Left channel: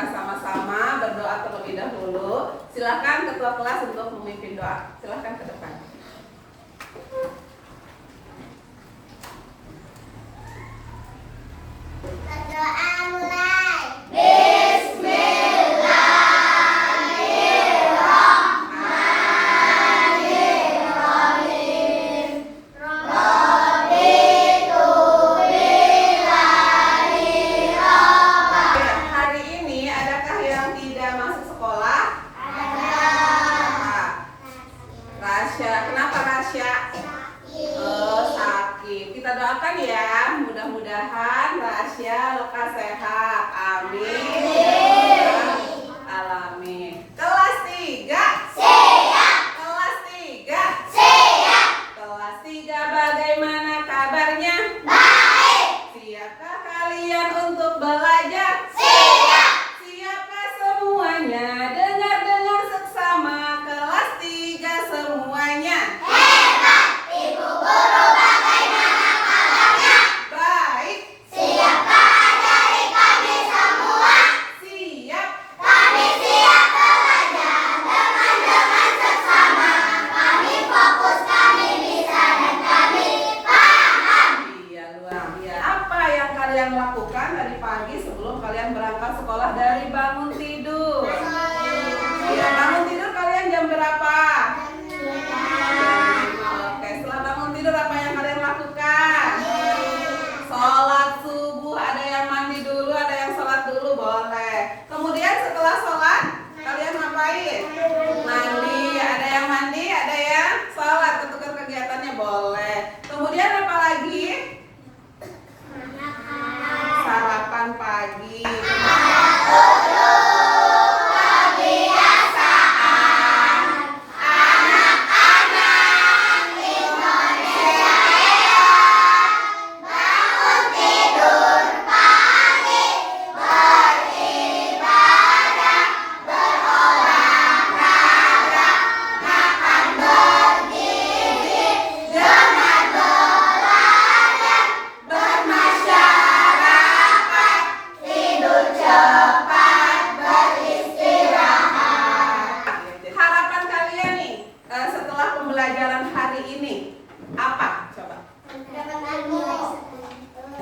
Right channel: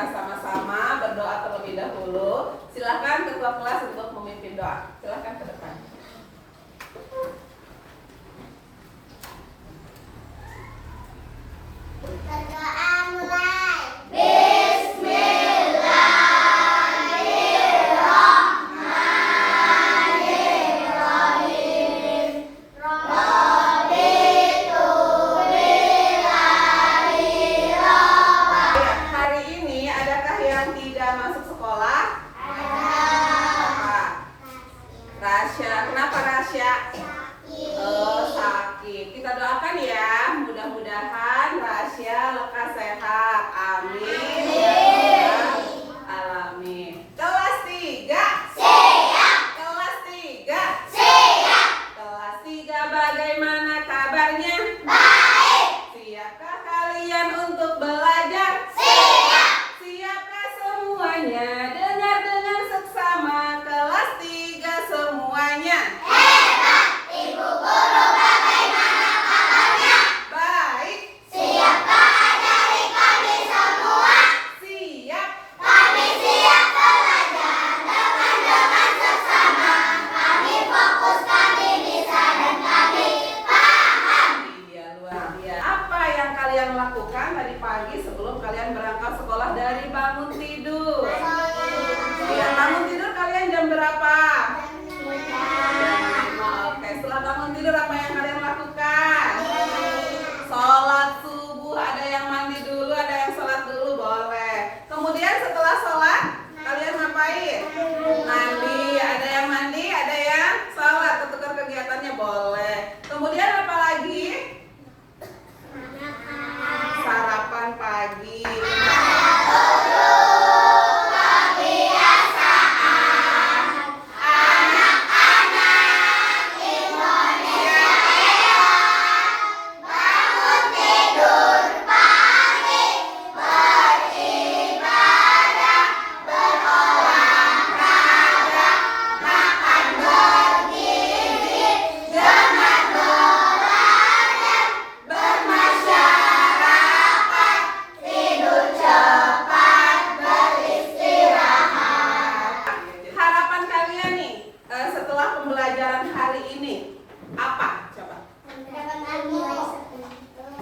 kita sama-sama berdoa terlebih dahulu. Silakan ketua kelas untuk memimpin doa. Silakan ke depan. Berdoa mulai. Hari ini adakah yang tidak masuk sekolah? Rasya. Kenapa Rasya? Sakit. Kita doakan ya, mudah-mudahan Rasya lekas sehat. Amin. Alamin. Kelas 3. Siap. Kelas 3. Siap. Kelas 3 bagaimana kabarnya? Baik. Siapkah kalian untuk belajar? Siap. Siapkah semuanya? Dengar-dengar seksama kelas 3 semuanya. Hebat. Ibu guru bagaimana kabarnya? Baik. Siapkah ajari kami semua? Siap. Kami siap belajar dengan seksama. Kami fokus, kami bisa dan kami paham. Iya, luar biasa. Apa yang kalian lakukan tadi pagi sebelum kalian berangkat sekolah dari bangun tidur? Iya, bangun tidur kalian jam berapa? Oke, setelah bangun tidur apa yang kalian lakukan? Sholat subuh, ada yang mandi dulu, ada yang sholat dulu, boleh. Kemudian setelah sholat, kalian ngapain? Mandi, ada yang mandi, ada yang sholat, tentukan kegiatannya boleh. Kemudian apa lagi? Sarapan pagi. Harapan kalian nih setelah pembelajaran hari ini apa? Coba.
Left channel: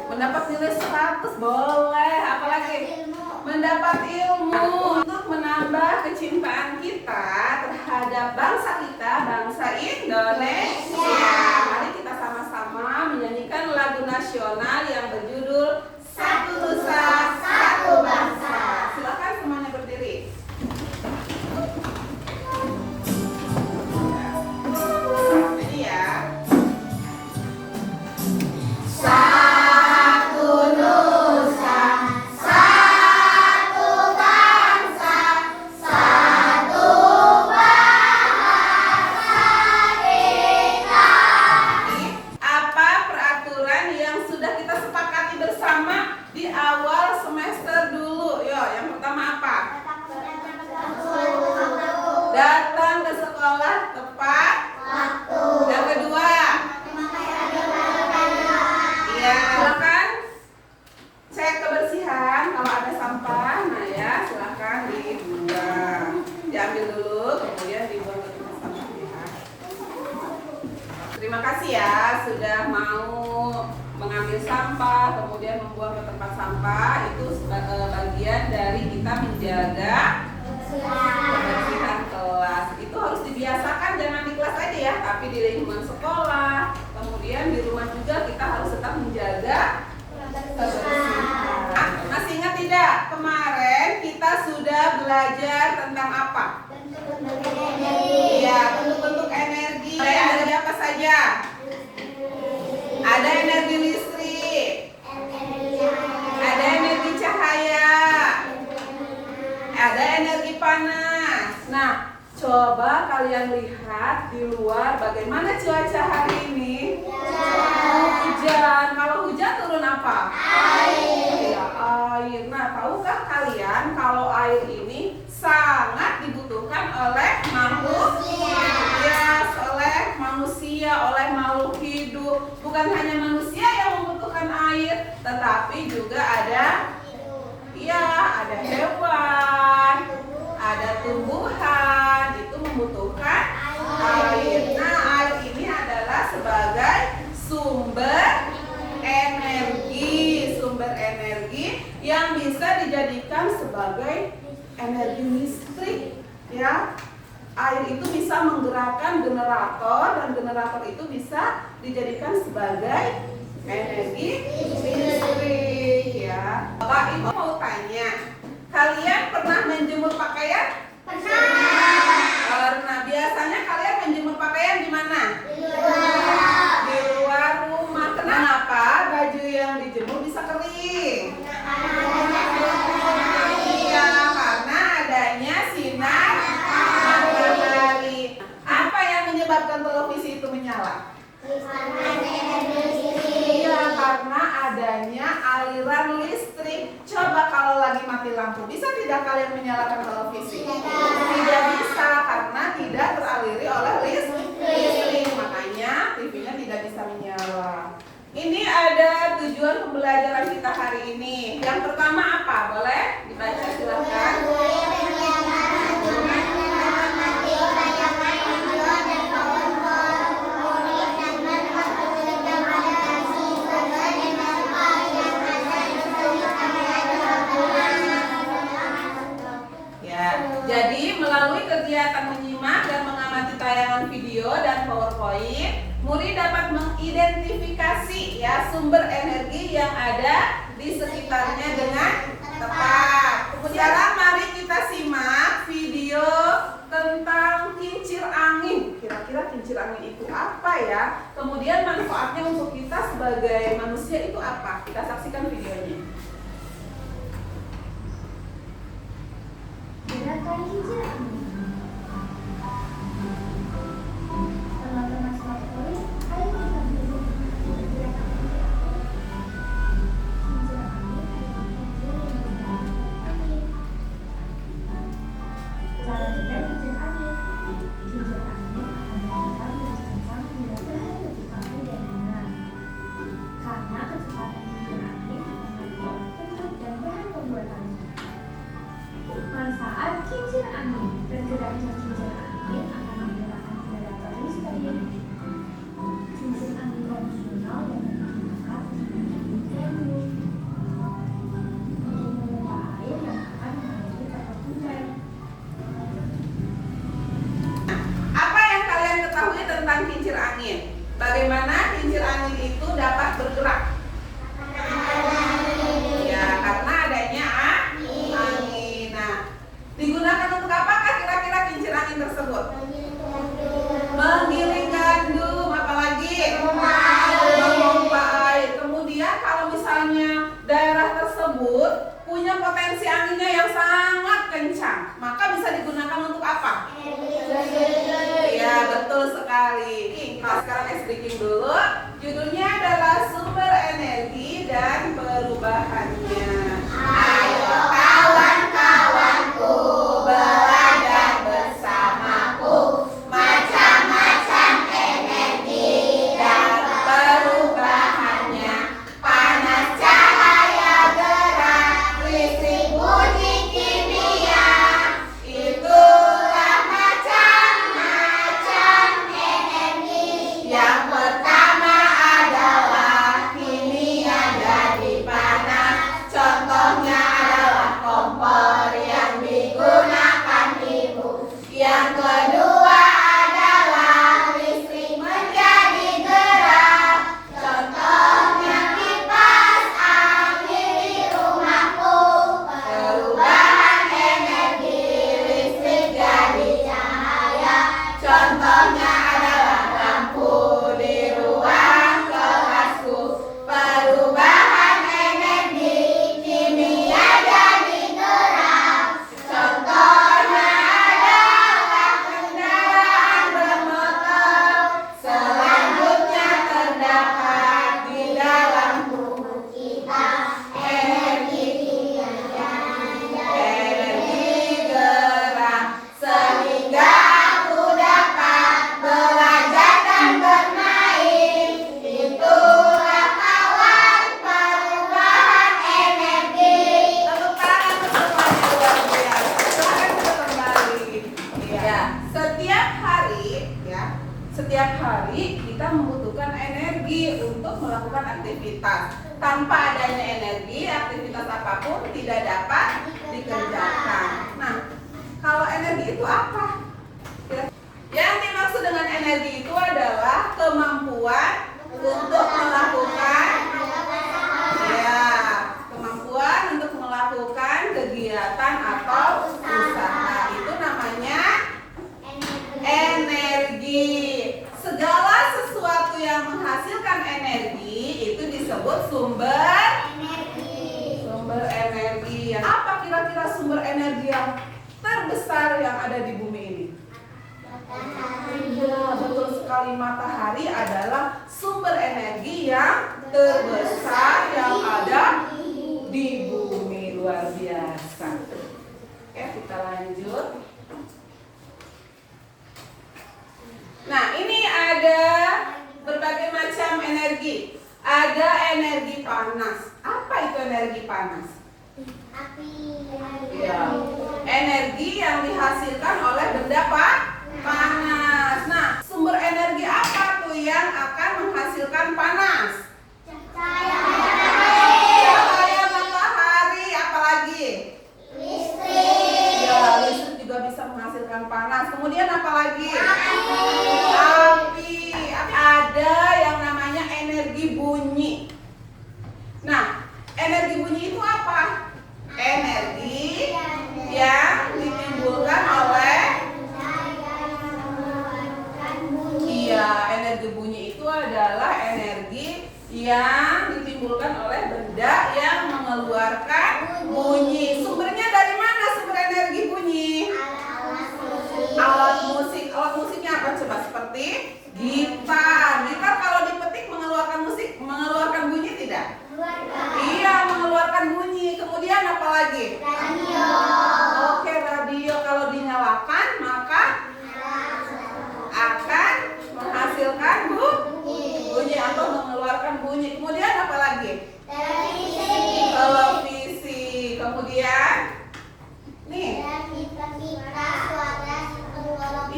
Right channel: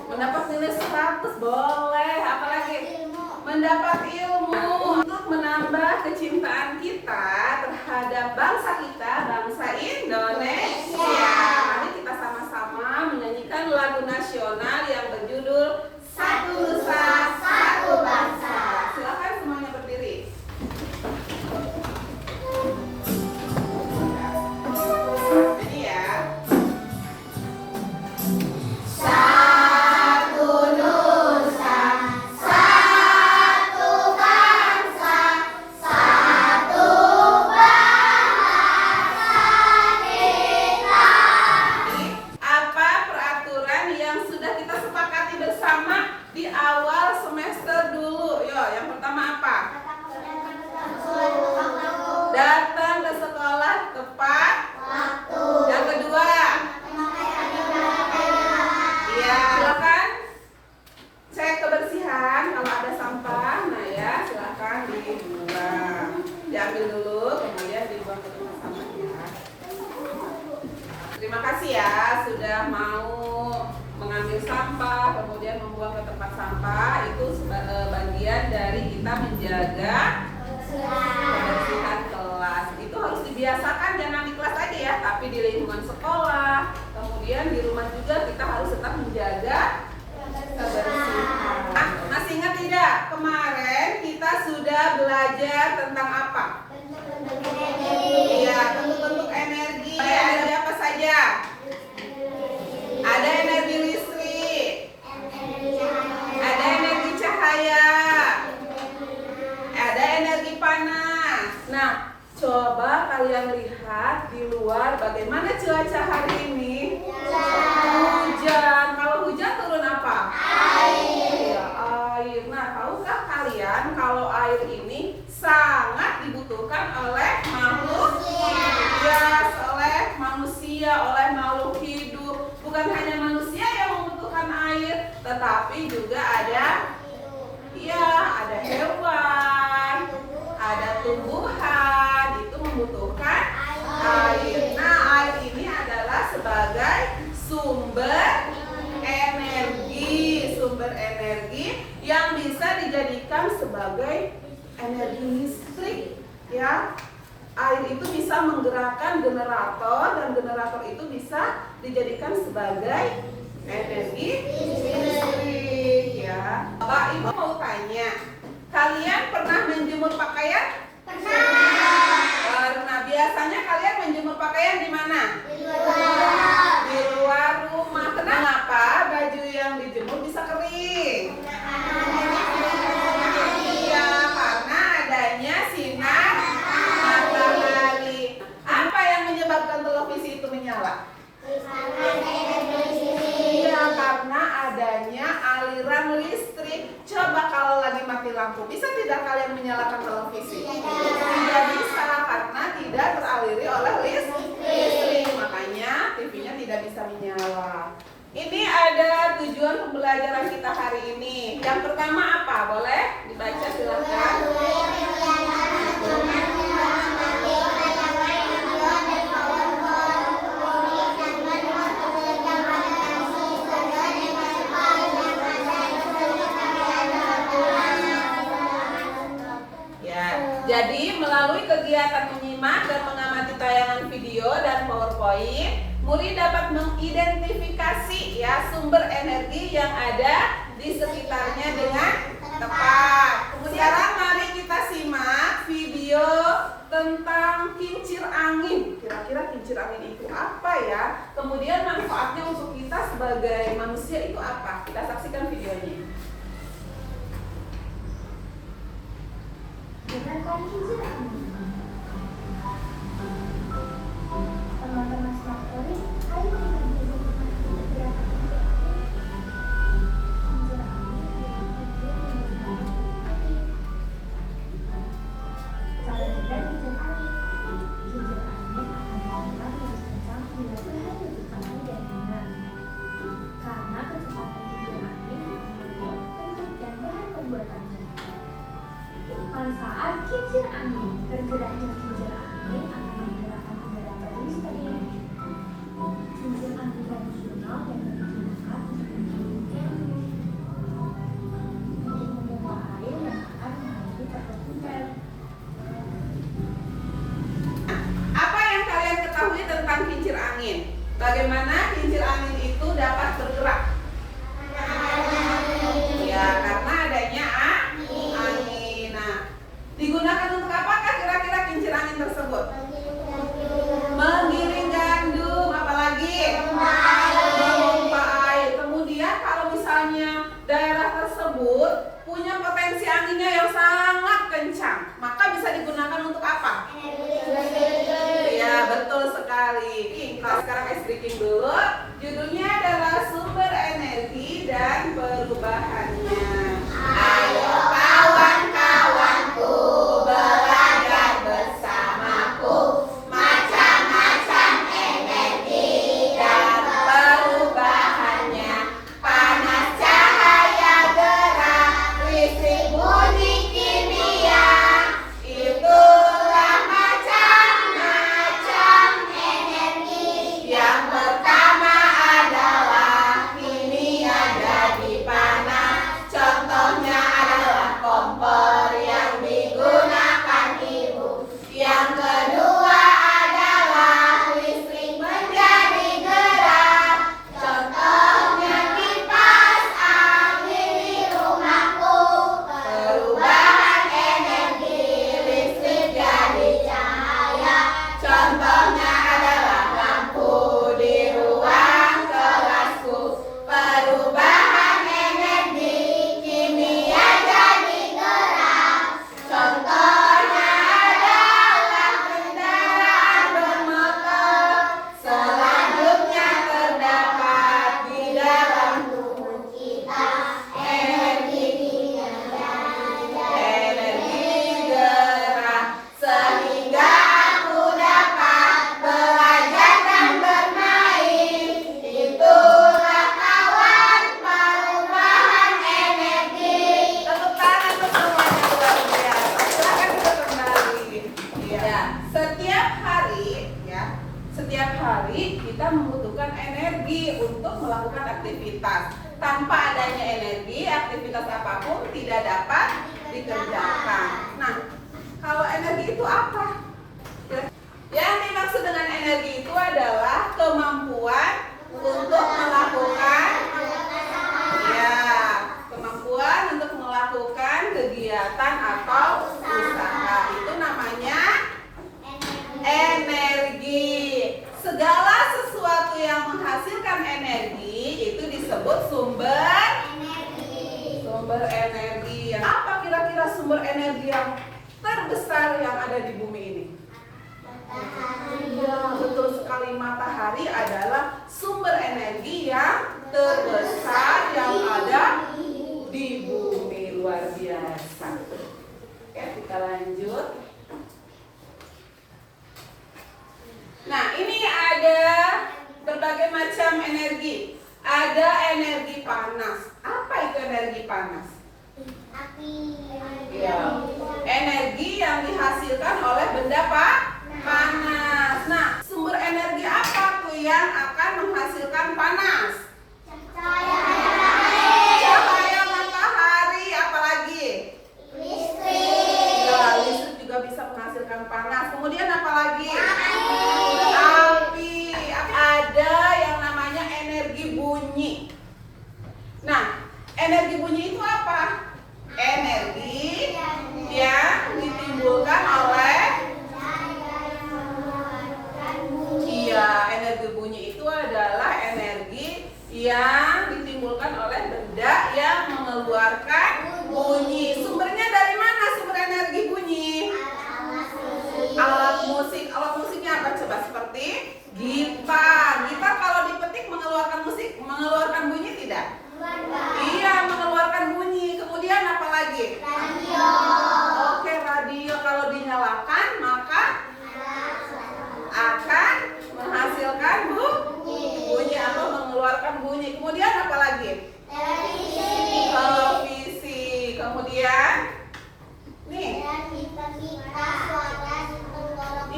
Mendapat nilai 100 boleh. Apalagi? Mendapat ilmu untuk menambah kecintaan kita terhadap bangsa kita, bangsa Indonesia. Mari kita sama-sama menyanyikan lagu nasional yang berjudul Satu Nusa, Satu Bangsa. Silakan semuanya berdiri. Jadi ya. Satu nusa, satu bangsa, satu bahasa kita. Apa peraturan yang sudah kita sepakati bersama di awal semester dulu? Yo, yang pertama apa? Datang ke sekolah tepat Waktu. Yang kedua, iya, silakan cek kebersihan. Kalau ada sampah, nah ya silakan dibuang. Diambil dulu, kemudian dibuang ke tempat sampah ya. Terima kasih ya sudah mau mengambil sampah, kemudian membuang ke tempat sampah. Itu bagian dari kita menjaga kebersihan kelas. Itu harus dibiasakan, jangan di kelas aja ya, tapi di lingkungan sekolah. Kemudian di rumah juga kita harus tetap menjaga kebersihan. Masih ingat tidak? Kemarin kita sudah belajar tentang apa? Iya, bentuk-bentuk energi. Energi apa saja? Ada energi listrik, ada energi cahaya, ada energi panas. Nah, coba kalian lihat di luar bagaimana cuaca hari ini. Hujan. Kalau hujan turun apa? Iya, air. Nah, tahukah kalian kalau air ini sangat dibutuhkan oleh makhluk hidup, oleh manusia, oleh makhluk hidup. Bukan hanya manusia yang membutuhkan air, tetapi juga ada hewan, sumber energi yang bisa dijadikan sebagai energi listrik, ya. Air itu bisa menggerakkan generator dan generator itu bisa dijadikan sebagai energi listrik, ya. Bapak Ibu mau tanya, kalian pernah menjemur pakaian? Pernah. Biasanya kalian menjemur pakaian di mana? Di luar rumah. Kenapa baju yang dijemur bisa kering? Iya, karena adanya sinar matahari. Apa yang menyebabkan televisi itu menyala? Iya, karena adanya aliran listrik. Coba kalau lagi mati lampu, bisa tidak kalian menyalakan televisi? Tidak bisa, karena tidak teraliri oleh listrik. Makanya TV-nya tidak bisa menyala. Ini ada tujuan pembelajaran kita hari ini. Yang pertama apa? Boleh dibaca silakan. Jadi melalui kegiatan menyimak dan mengamati tayangan video dan PowerPoint, murid dapat mengidentifikasi ya sumber energi yang ada di sekitarnya dengan tepat. Sekarang mari kita simak video tentang kincir angin. Kira-kira kincir angin itu apa ya? Kemudian manfaatnya untuk kita sebagai manusia itu apa? Kita saksikan videonya. Gerakan kincir angin. Teman-teman sekalian, ayo kita belajar gerakan kincir angin. Kincir angin adalah kincir yang bergerak angin. Cara kerja kincir angin. Kincir angin akan bergerak terus kencang bila bahan lebih panas dan hangat. Karena kecepatan kincir angin mengatur bentuk dan bahan pembuatannya. Manfaat kincir angin. Bergeraknya kincir angin akan menggerakkan generator listrik. Kincir angin konvensional dapat digunakan untuk menggiling bambu, untuk memompa air yang akan mengalir ke hujan. Apa yang kalian ketahui tentang kincir angin? Bagaimana kincir angin itu dapat bergerak? Ya, karena adanya angin. Nah, digunakan untuk apakah kira-kira kincir angin aktivitas. Tanpa adanya energi, aktivitas apapun tidak dapat dikerjakan. Nah, kalau energi itu apa? Yang dimaksud dengan energi itu adalah kemampuan untuk melakukan kemampuan untuk melakukan kegiatan atau usaha. Itu namanya energi. Segala sesuatu yang menghasilkan energi itu disebut sumber energi. Apa kira-kira sumber energi yang terbesar yang ada di bumi ini? Ya, betul sekali, matahari adalah sumber energi yang terbesar yang ada di bumi. Luar biasa. Oke, kita lanjut. Nah, ini ada berbagai macam energi. Ada energi panas. Apa itu energi panas? Api. Ya, energi yang dihasilkan oleh benda panas. Nah, sumber energi apa tuh yang akan menghasilkan panas? Cahaya matahari, apalagi? Listrik. Ya, listrik juga bisa menghasilkan panas. Kemudian apalagi? Api. Ada yang namanya energi bunyi. Nah, energi bunyi itu apa? Energi yang ditimbulkan oleh energi bunyi itu adalah energi yang ditimbulkan oleh benda yang mengeluarkan bunyi. Sumbernya dari mana sumber energi bunyi? Alat musik. Alat musiknya apa coba? Seperti gitar. Gitar kalau dipetik mengeluarkan bunyi tidak? Iya, mengeluarkan bunyi. Kemudian apa lagi? Radio. Oke, radio kalau dinyalakan maka akan menghasilkan bunyi atau mengeluarkan bunyi. Kemudian apa lagi? Televisi. Kemudian nih.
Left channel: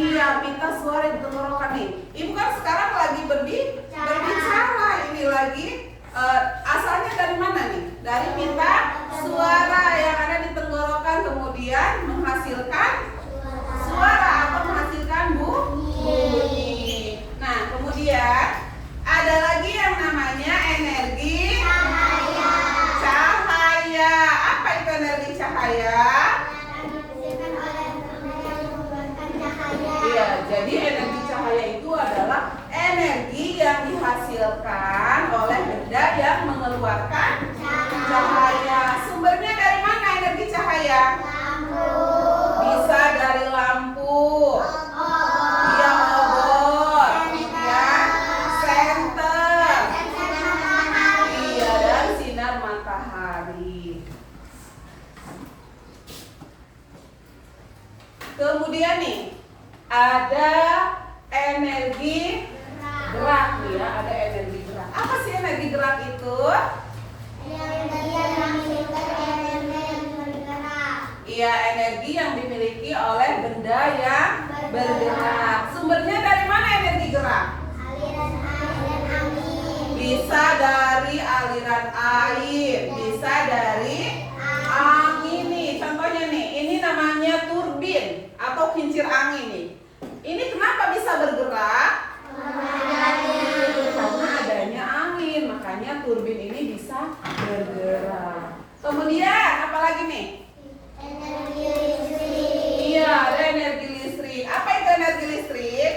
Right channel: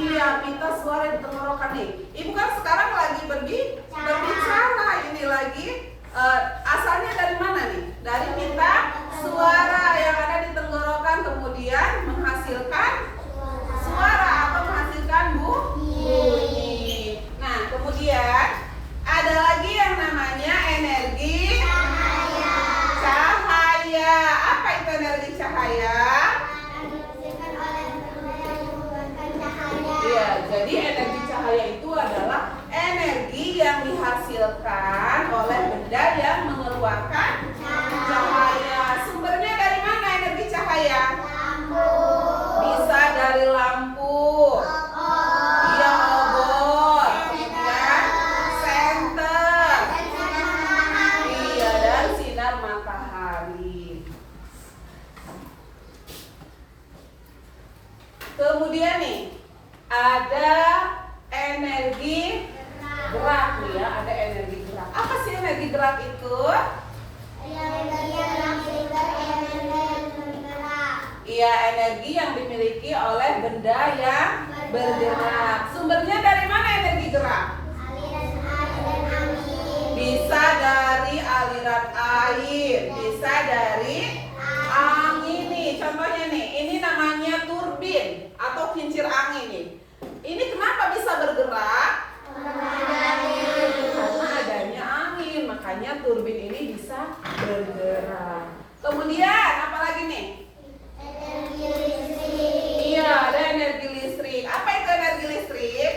Iya, pita suara di tenggorokan nih. Ibu kan sekarang lagi berbicara. Ini lagi asalnya dari mana nih? Dari pita suara yang ada di tenggorokan, kemudian menghasilkan suara atau menghasilkan bunyi. Nah, kemudian ada lagi yang namanya energi cahaya. Apa itu energi cahaya? Ya, jadi energi cahaya itu adalah energi yang dihasilkan oleh benda yang mengeluarkan cahaya. Sumbernya dari mana energi cahaya? Bisa dari lampu. Iya, obor. Kemudian senter. Iya, dan sinar matahari. Kemudian nih ada energi gerak nih ya, ada energi gerak. Apa sih energi gerak itu? Iya, energi yang dimiliki oleh benda yang bergerak. Sumbernya dari mana energi gerak? Bisa dari aliran air, bisa dari angin nih. Contohnya nih, ini namanya turbin atau kincir angin nih. Ini kenapa bisa bergerak? Karena adanya angin, makanya turbin ini bisa bergerak. Kemudian apa lagi nih? Energi listrik. Iya, ada energi listrik. Apa itu energi listrik?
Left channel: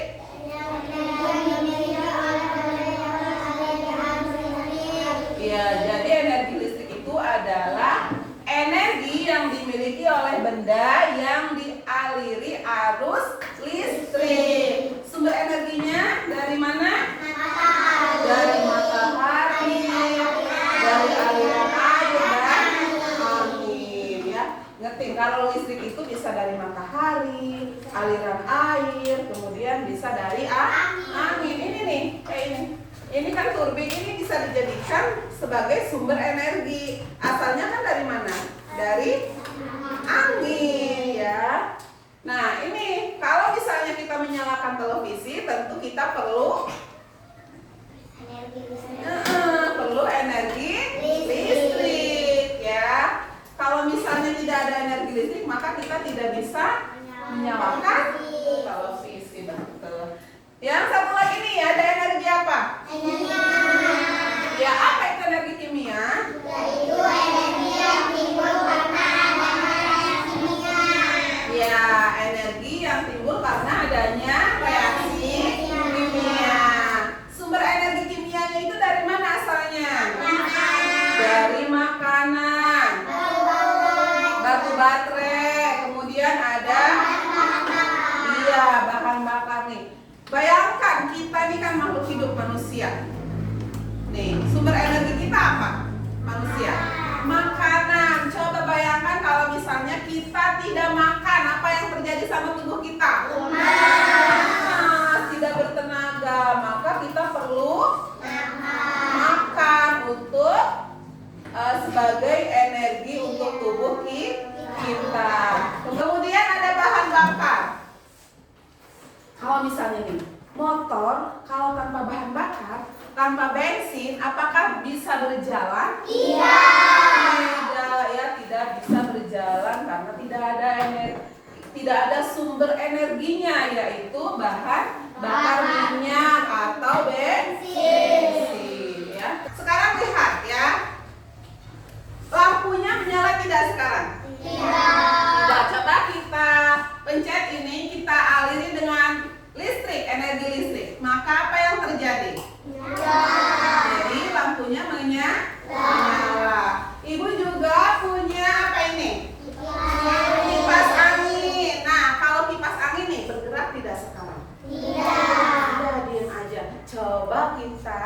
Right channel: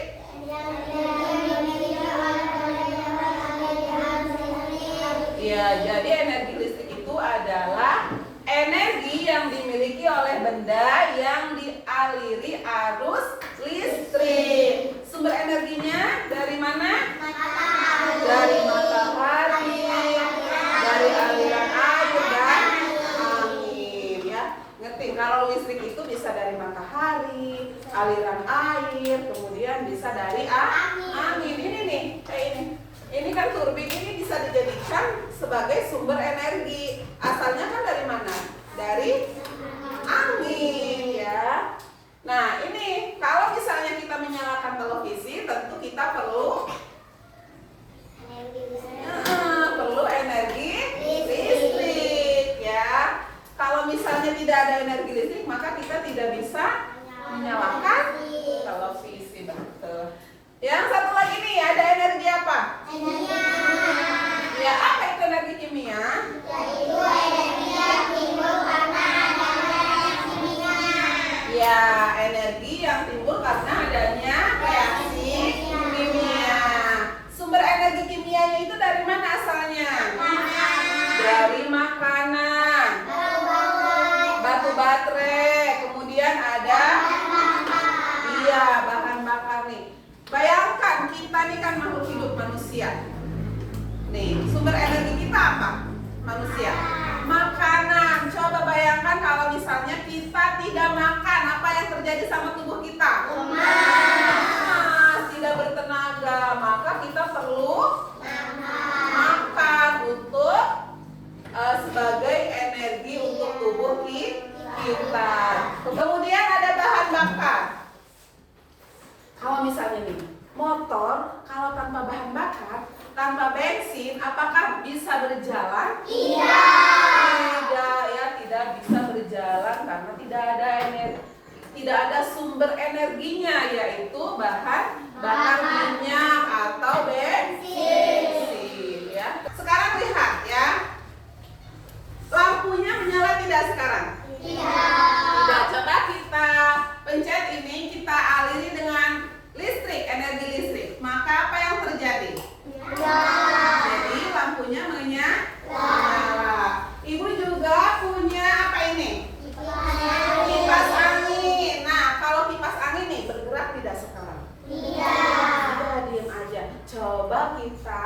Iya, jadi energi listrik itu adalah energi yang dimiliki oleh benda yang dialiri arus listrik. Sumber energinya dari mana? Dari matahari, dari aliran air dan angin ya. Ngerti? Kalau listrik itu bisa dari matahari, aliran air, kemudian bisa dari angin. Ini nih, kayak ini. Ini kan turbin, ini bisa dijadikan sebagai sumber energi. Asalnya kan dari mana? Dari angin ya. Nah, ini kalau misalnya kita menyalakan televisi, tentu kita perlu Kalau misalnya tidak ada energi listrik, maka kita tidak bisa menyalakan televisi. Betul. Yang satu lagi nih, ada energi apa? Ya, apa itu energi kimia? Yaitu energi yang timbul karena adanya reaksi kimia. Ya, energi yang timbul karena adanya reaksi kimia. Sumber energi kimianya itu dari mana asalnya? Dari makanan, batu baterai, kemudian ada bahan bakar nih. Bayangkan kita nih kan makhluk hidup manusia. Nih, sumber energi kita apa? Manusia. Makanan. Coba bayangkan kalau misalnya kita tidak makan, apa yang terjadi sama tubuh kita? Tidak bertenaga. Maka kita perlu makan untuk sebagai energi untuk tubuh kita. Kemudian ada bahan bakar. Kalau misalnya nih, motor kalau tanpa bahan bakar, tanpa bensin, apakah bisa berjalan? Tidak, ya, tidak bisa berjalan karena tidak ada sumber energinya, yaitu bahan bakar minyak atau bensin. Ya. Sekarang lihat ya, lampunya menyala tidak sekarang? Tidak. Coba kita pencet ini, kita aliri dengan listrik, energi listrik. Maka apa yang terjadi? Jadi lampunya menyala. Ibu juga punya apa ini? Kipas angin. Nah, kalau kipas angin nih bergerak tidak sekarang? Tidak, diam aja. Coba kita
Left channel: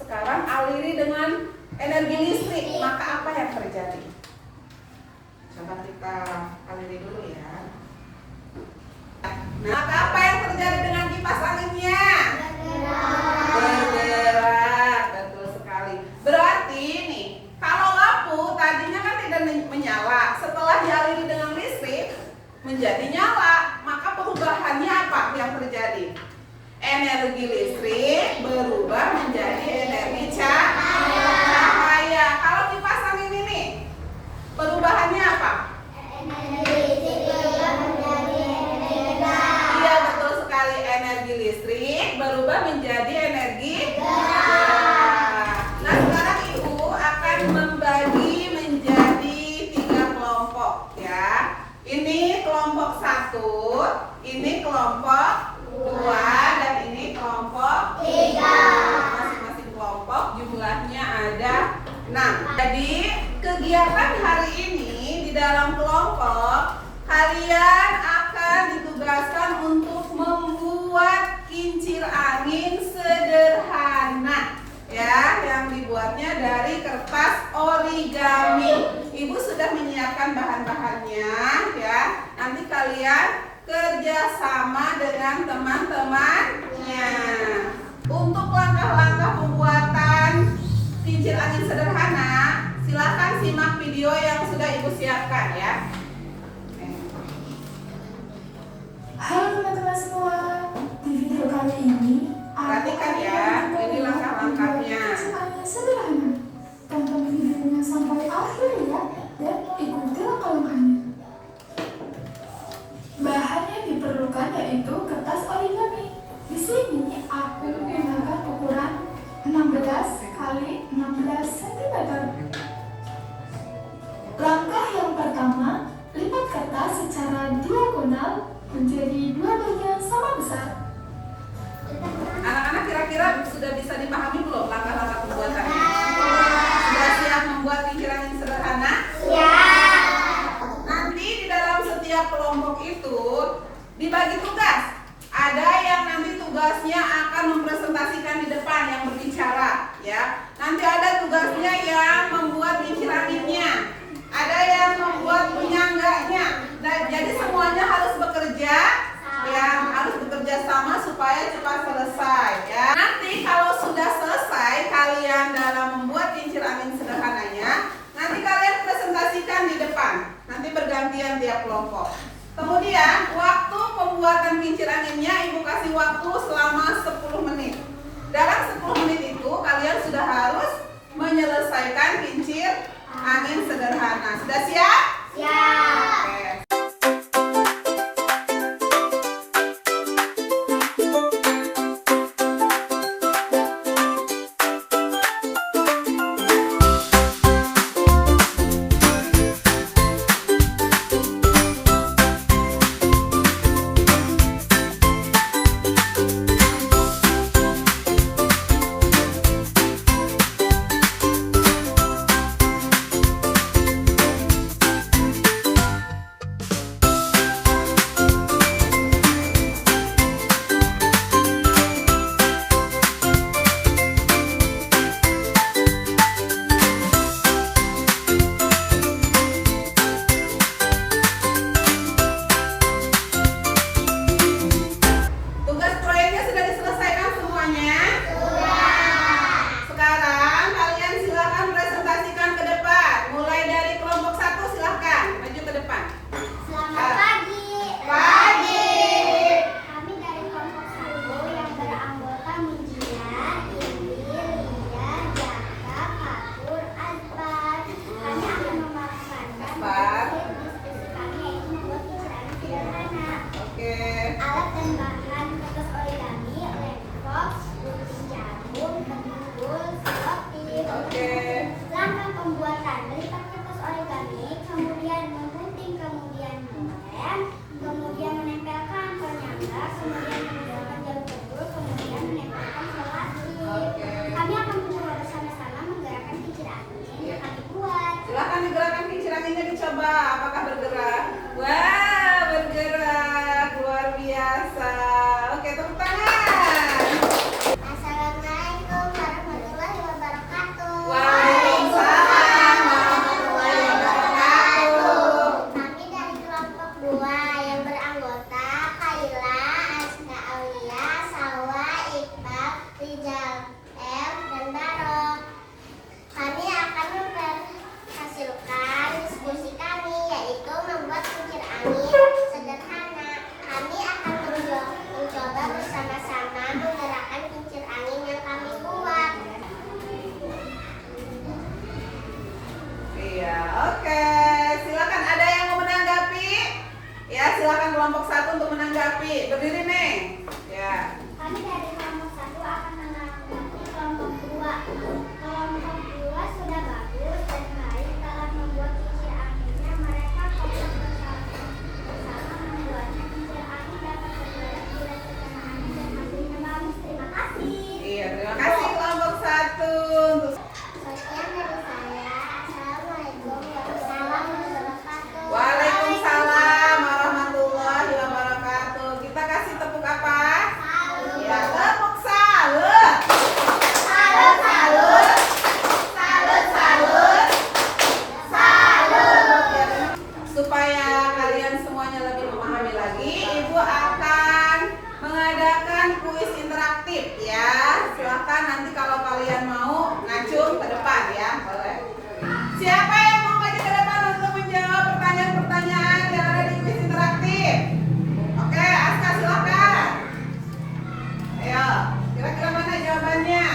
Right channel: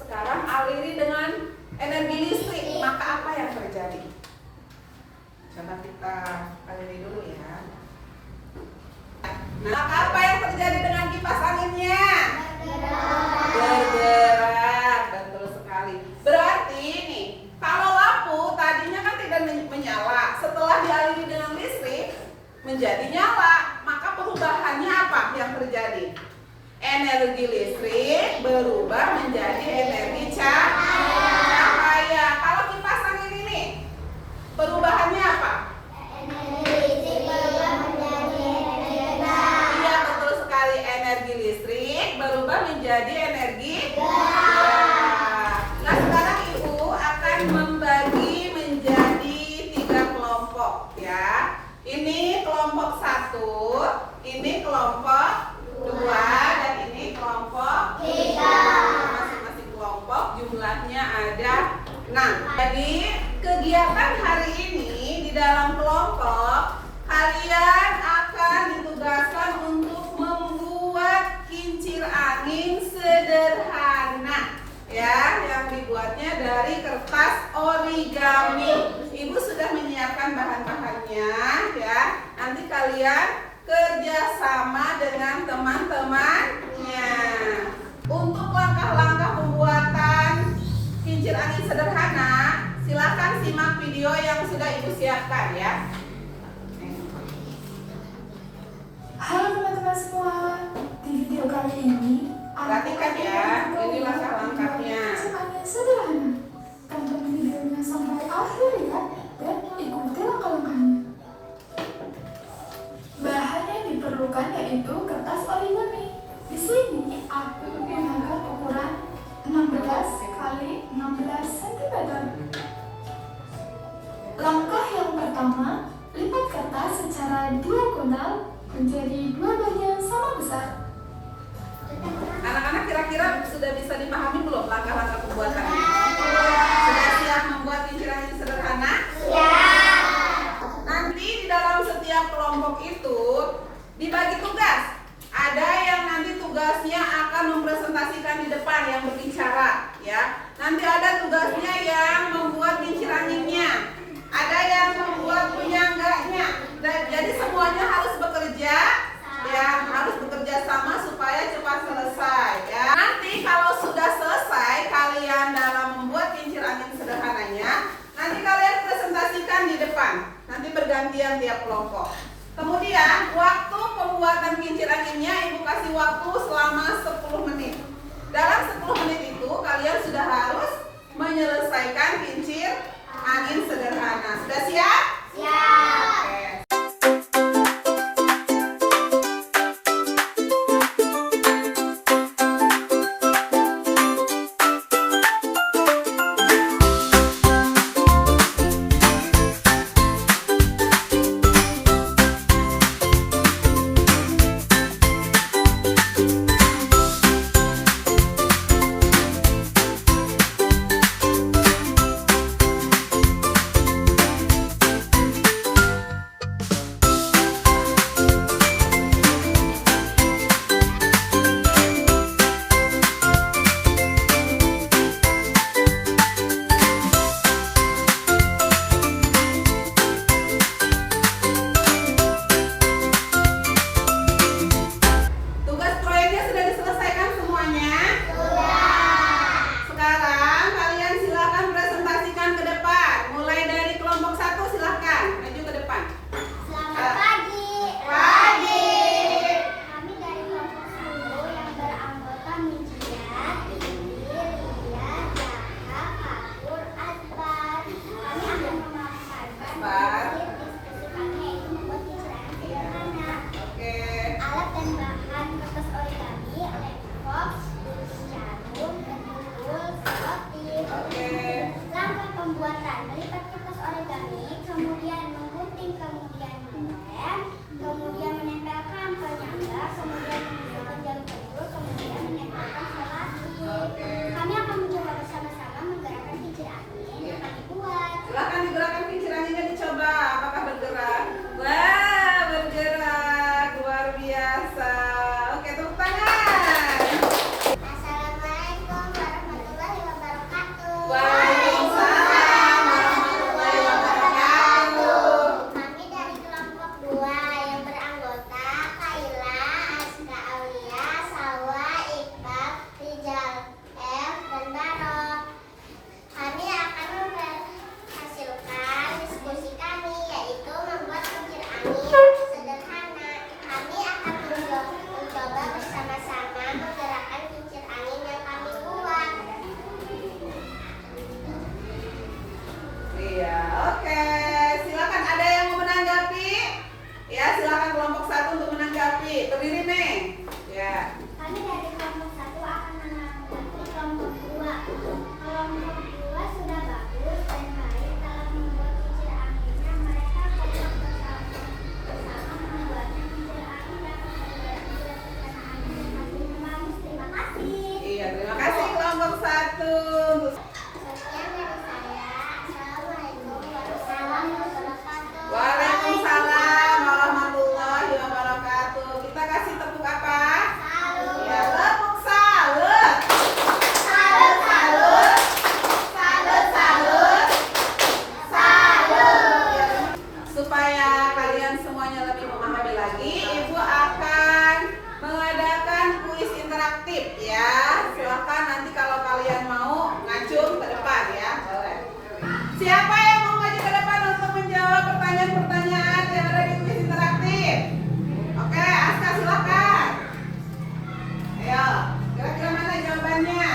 sekarang aliri dengan energi listrik. Maka apa yang terjadi? Coba kita aliri dulu ya. Maka apa yang terjadi dengan kipas anginnya? Bergerak, betul sekali. Berarti nih, kalau lampu tadinya kan tidak menyala, setelah dialiri dengan listrik menjadi nyala, maka perubahannya apa yang terjadi? Energi listrik berubah menjadi energi cahaya. Kalau kipas angin ini, perubahannya apa? Energi listrik berubah menjadi energi gerak. Nah, sekarang ibu akan membagi menjadi 3 kelompok ya. Ini kelompok 1, ini kelompok 2, dan ini kelompok 3. Masing-masing kelompok jumlahnya ada 6. Jadi kegiatan hari ini di dalam kelompok, kalian akan ditugaskan untuk membuat kincir angin sederhana ya, yang dibuatnya dari kertas origami. Ibu sudah menyiapkan bahan-bahannya ya. Nanti kalian kerjasama dengan teman-temannya. Untuk langkah-langkah pembuatan kincir angin sederhana, silakan simak video yang sudah ibu siapkan ya. Halo teman-teman semua, di video kali ini perhatikan ya, ini langkah-langkahnya. Sederhana, tonton videonya sampai akhir ya, dan ikuti langkah-langkahnya. Bahan yang diperlukan yaitu kertas origami. Di sini aku menggunakan ukuran 16 kali 16 cm. Langkah yang pertama, lipat kertas secara diagonal menjadi 2 bagian sama besar. Anak-anak kira-kira sudah bisa dipahami belum langkah-langkah pembuatannya? Sudah siap membuat kincir angin sederhana? Ya. Nanti di dalam setiap kelompok itu dibagi tugas. Ada yang nanti tugasnya akan mempresentasikan di depan, yang berbicara ya. Nanti ada tugasnya yang membuat kincir anginnya. Ada yang membuat penyangganya. Jadi semuanya harus bekerja ya, harus bekerja sama supaya cepat selesai ya. Nanti kalau sudah selesai kalian dalam membuat kincir angin sederhananya, nanti kalian presentasikan di depan. Nanti bergantian tiap kelompok. Kemudian waktu pembuatan kincir anginnya ibu kasih waktu selama 10 menit. Dalam 10 menit itu kalian sudah harus menyelesaikan kincir angin sederhana. Sudah siap? kemudian menggunting, kemudian melem, kemudian menempelkan penyangga, kemudian menggunakan jarum pentul, kemudian menempelkan selasi. Kami akan mencoba bersama-sama menggerakkan kincir angin yang kami buat. Silakan digerakkan kincir anginnya, dicoba apakah bergerak. Wah, bergerak, luar biasa. Oke, tepuk tangan. Assalamualaikum warahmatullahi wabarakatuh. Waalaikumsalam warahmatullahi wabarakatuh. Kami dari kelompok 2 yang beranggota Kaila, Aska Aulia, Sawa, Iqbal, Rizal M, dan Barok. Kami akan memperhasilkan diskusi kami, yaitu membuat kincir angin sederhana. Kami akan mencoba bersama-sama menggerakkan kincir angin yang kami buat. Iya, oke. Silakan, ada yang mau menanggapi? Ya, silakan kelompok 1 untuk menanggapi. Berdiri nih. Ya. Kami dari kelompok 1 akan menanggapi kelompok 2. Kelompok 2 sudah bagus dan baik dalam membuat kincir anginnya. Mereka kompak bersama membuatnya. Kincir angin dapat bergerak bila tekanan angin dan hasilnya bagus. Terima kasih. Iya, terima kasih kelompok 1. Sekian dari saya. Assalamualaikum warahmatullahi wabarakatuh. Waalaikumsalam warahmatullahi wabarakatuh. Kita kasih tepuk apa? Ya, tepuk salut. Salut, salut. Salut, salut. Salut. Ya, supaya kalian semuanya lebih memahami lagi, Ibu akan mengadakan kuis interaktif ya. Silakan nanti kalau kalian mau ngacung ke depan ya. Boleh. Siapa yang mau maju ke depan untuk menjawab pertanyaan-pertanyaan yang ada di kuis interaktif? Oke, Aska silakan. Ayo, kira-kira mana jawabannya?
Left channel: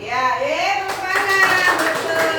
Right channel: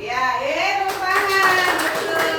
Ya, tepuk tangan. Betul.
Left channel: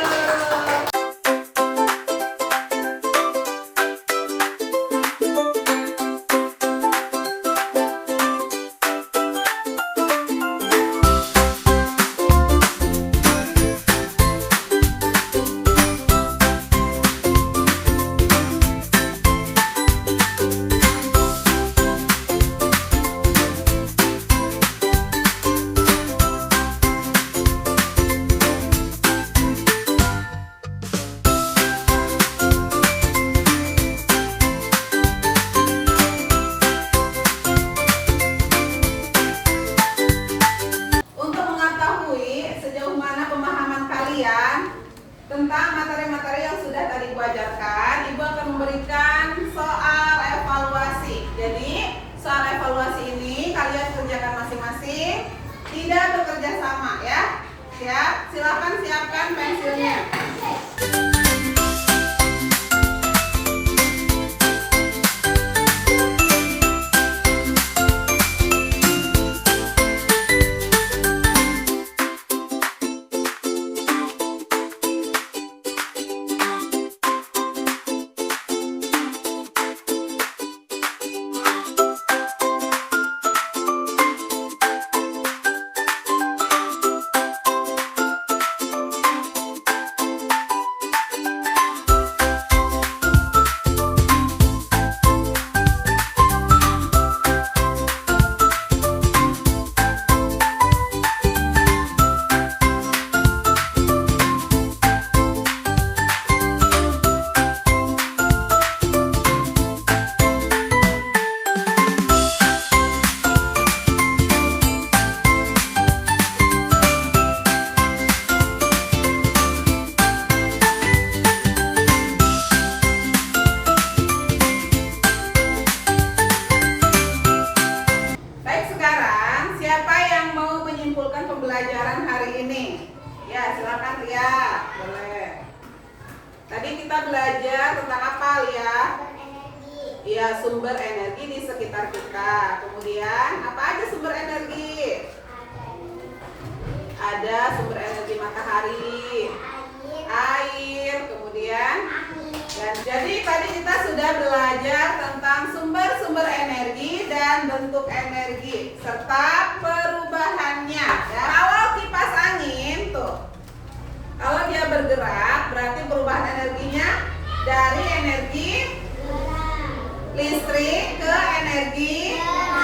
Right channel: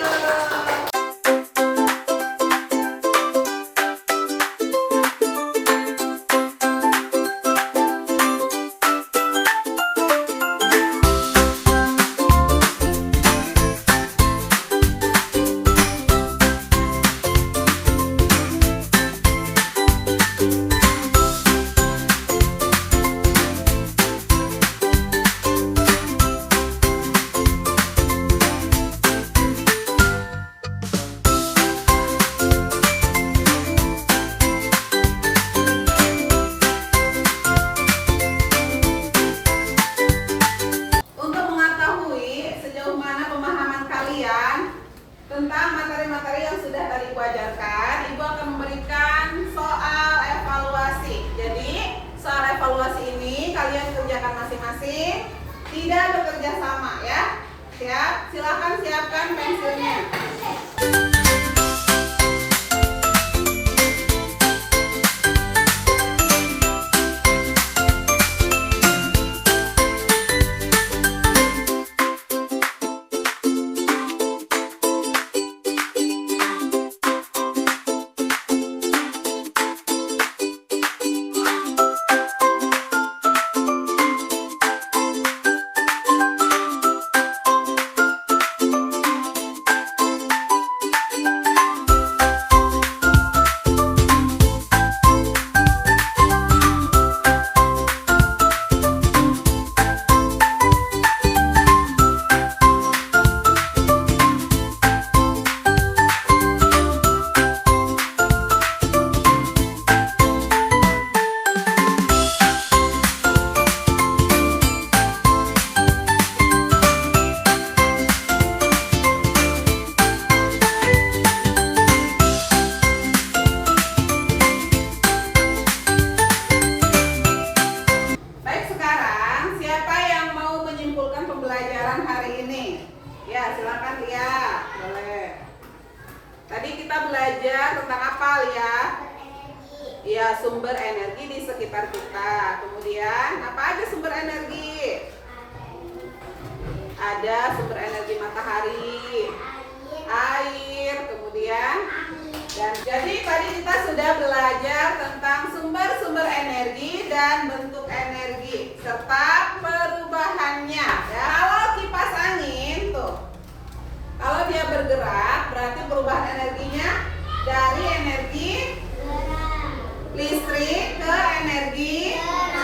Untuk mengetahui sejauh mana pemahaman kalian tentang materi-materi yang sudah tadi Ibu ajarkan, Ibu akan memberikan soal evaluasi. Jadi, soal evaluasi ini kalian kerjakan masing-masing, tidak bekerja sama ya. Siap? Silakan siapkan pensilnya. pembelajaran hari ini? Ya, silakan Ria. Boleh. Tadi kita belajar tentang apa, Lia? Iya, sumber energi di sekitar kita. Kemudian, apa aja sumber energi? Ada sumber energi matahari, air, kemudian dan jadi tadi kita sudah belajar tentang sumber-sumber energi dan bentuk energi serta perubahannya. Ya, kalau kipas angin tuh, kalau dia bergerak berarti perubahan energinya dari energi listrik ke energi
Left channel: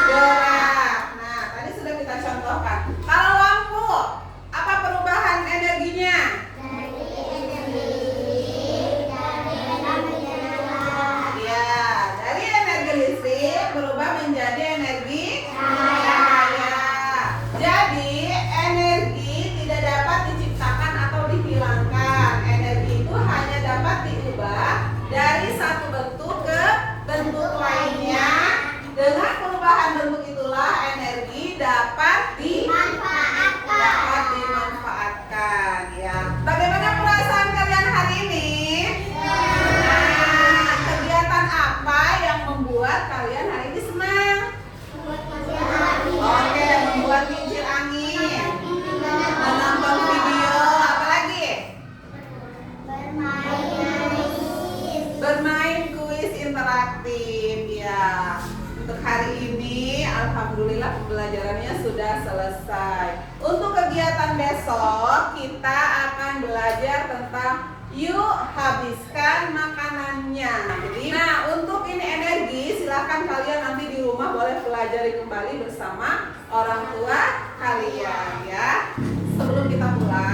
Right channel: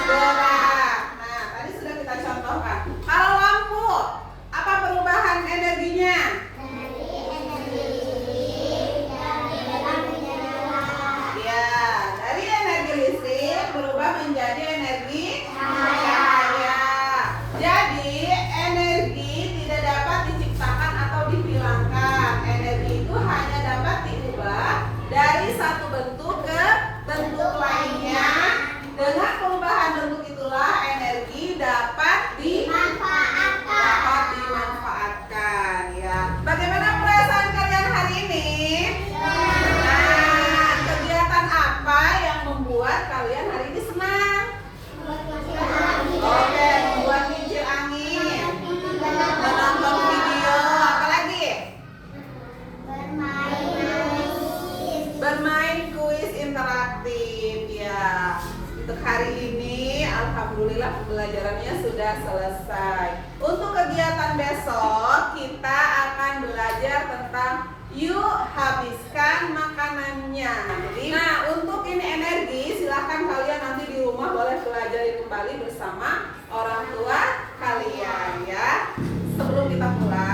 gerak. Nah, tadi sudah kita contohkan. Kalau lampu, apa perubahan energinya? Ya, dari energi listrik berubah menjadi energi cahaya. Jadi, energi tidak dapat diciptakan atau dihilangkan. Energi itu hanya dapat diubah dari satu bentuk ke bentuk lainnya. Dengan perubahan bentuk itulah energi dapat dimanfaatkan. Ya. Bagaimana perasaan kalian hari ini? Nah, kegiatan apa yang membuat kalian hari ini senang? Oke, membuat kincir angin, menonton video, apa lagi? Bermain kuis interaktif. Ya, untuk hari ini alhamdulillah pembelajarannya sudah selesai. Untuk kegiatan besok kita akan belajar tentang yuk habiskan makanannya. Jadi, nah untuk ini energi silahkan kalian nanti di rumah boleh pelajari kembali bersama orang tua kalian ya. Sebelum kita pulang